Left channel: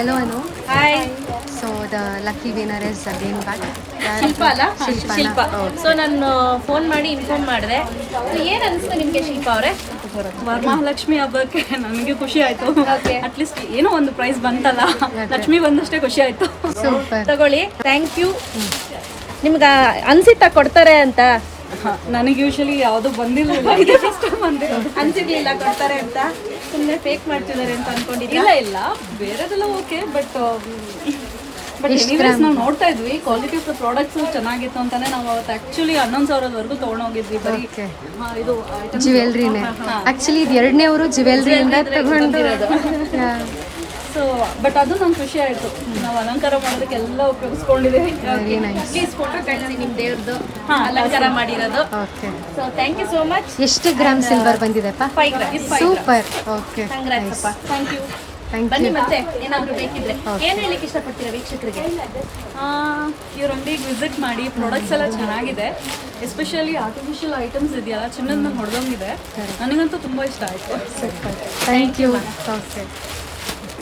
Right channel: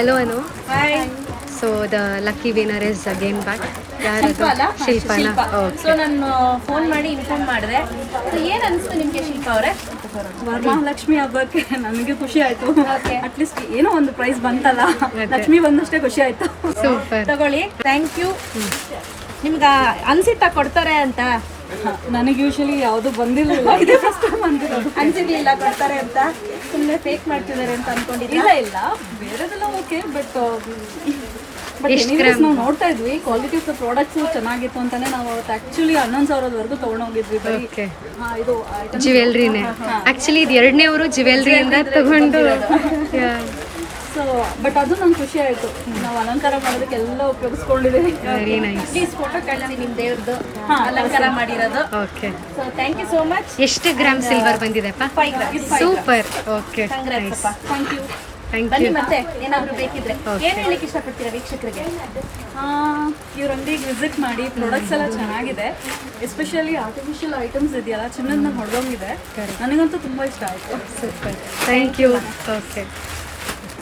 Hello, Anu. Hi So the lucky winner is again back. ಶಿಲ್ಪ ಅಲ್ಲ ಶಿಲ್ಪ so Okay. ನಾನು phone ಮಾಡಿ inform ಮಾಡಿದೆ. ಏನು ಅನಿಸ್ತು ನಿಮಗೆ ಶಿಲ್ಪ ಅವರೇ? ವರಮಹಾಲಕ್ಷ್ಮಿ ಹಬ್ಬಕ್ಕೆ ನನಗೆ ಖುಷಿ ಆಯ್ತು. Okay. ಅಟ್ಲೀಸ್ಟ್ ಏನೋ ಒಂದು ಪ್ರೈಸ್ ಬಂತಲ್ಲ, ಲಕ್ಷ್ಮಿ ಬಂದಷ್ಟೇ ಖುಷಿ ಆಯ್ತು. Super. ತಗೊಳ್ಳಿ, ಥ್ಯಾಂಕ್ ಯು. ನಿಮ್ಗೆ ಅನ್ಸಿತ್ತಾ ಕೊಡ್ತಾರೆ ಅಂತ? ನನಗೆ ಯೂಶಲಿ ಯಾವುದು ಬಂದಿಲ್ಲ, ಇದೇ ಫಸ್ಟ್ ಬಂದಿರೋದು. ಅನ್ಸಿರ್ಲಿಲ್ಲ ಕೊಡ್ತಾರೆ ಅಂತ, ಸುಮ್ಮನೆ ಫೇಕ್ ಮಾಡ್ತಿದ್ದಾರೆ ಅಂತ ಅನ್ಕೊಂಡಿದ್ದೆ. ಇಲ್ಲ ಬೇರೆದೆಲ್ಲ ಓಕೆ, ಬಟ್ ಎಷ್ಟ್ ಗ್ರಾಮ್? ನಾವು ನೋಡ್ತಾ ಇದ್ವಿ ಕ್ವಾಲಿಟಿ ಆಫ್ ದ ಪ್ರಾಡಕ್ಟ್ಸ್ ಚೆನ್ನಾಗಿತ್ತು ಅಂತಾನೆ ನಾವು ಅವತ್ತು ಆಕ್ಚುಲಿ 11,000ವರೆಗೂ ತಗೊಂಡೋಗಿದ್ವಿ. ಬರೀ Okay. ಇದು ಜ್ಯುವೆಲ್ರಿನೇ ಆಕ್ಚುಲಿ ಇದು ಎರಡನೇವರು ಜ್ಯುವೆಲ್ರಿಯಿಂದ ತಗೊಂಡು ಸೊ ಬಟ್ ಅದು ನಂಗೆ ಖುಷಿ ಆಯ್ತು. ನಾವು ಅಲಂಕಾರ ಮಾಡೋದಕ್ಕೆ ಎಲ್ಲ ಉಪಯೋಗಿಸ್ಕೊಂಡಿದ್ದೀವಿ. Very nice. ಪ್ಲೀಸ್ ಫೋಟೋ ಕಳಿಸಿ ನಿಮ್ಮ ದೇವ್ರದ್ದು ಅಲಂಕಾರ ಮಾಡಿರೋದು. Okay. So thank you so much. ಎಷ್ಟು ಗ್ರಾಮ್ ಸಿಲ್ವರ್ ಬಂದಿದೆಪ್ಪ? 5 ಗ್ರಾಮ್ಸ್. ಸೂಪರ್. ಓಕೆ, ಕಂಗ್ರಾಟ್ಸ್ ಅಪ್ಪ. Thank you. ಥ್ಯಾಂಕ್ ಬನ್ನಿ ಯು. ಮತ್ತೆ ಏನಾದರೂ ಬೇಕಿದ್ರೆ Okay. ಏನು ಹೇಳಲಿಕ್ಕೆ ಇಷ್ಟಪಡ್ತೀರಾ ವೀಕ್ಷಕರಿಗೆ? ಇವ್ರ ಅಂಗಡಿಗೆ ವಿಸಿಟ್ ಮಾಡಿ. ಪ್ರಾಡಕ್ಟ್ಸ್ ಎಲ್ಲ ಚೆನ್ನಾಗಿದೆ, ಎಸ್ಪೆಷಲಿ ಆರ್ಟಿಫಿಷಿಯಲ್ ಐಟಮ್ಸ್ ಇದೆಯಲ್ಲ, ಚಿನ್ನದ ಹೊಡೆದೋಗಿದೆ. ನನಗಂತೂ ತುಂಬ ಇಷ್ಟ ಆಯಿತು. ಸೂಪರ್. Thank you. ಓಕೆ.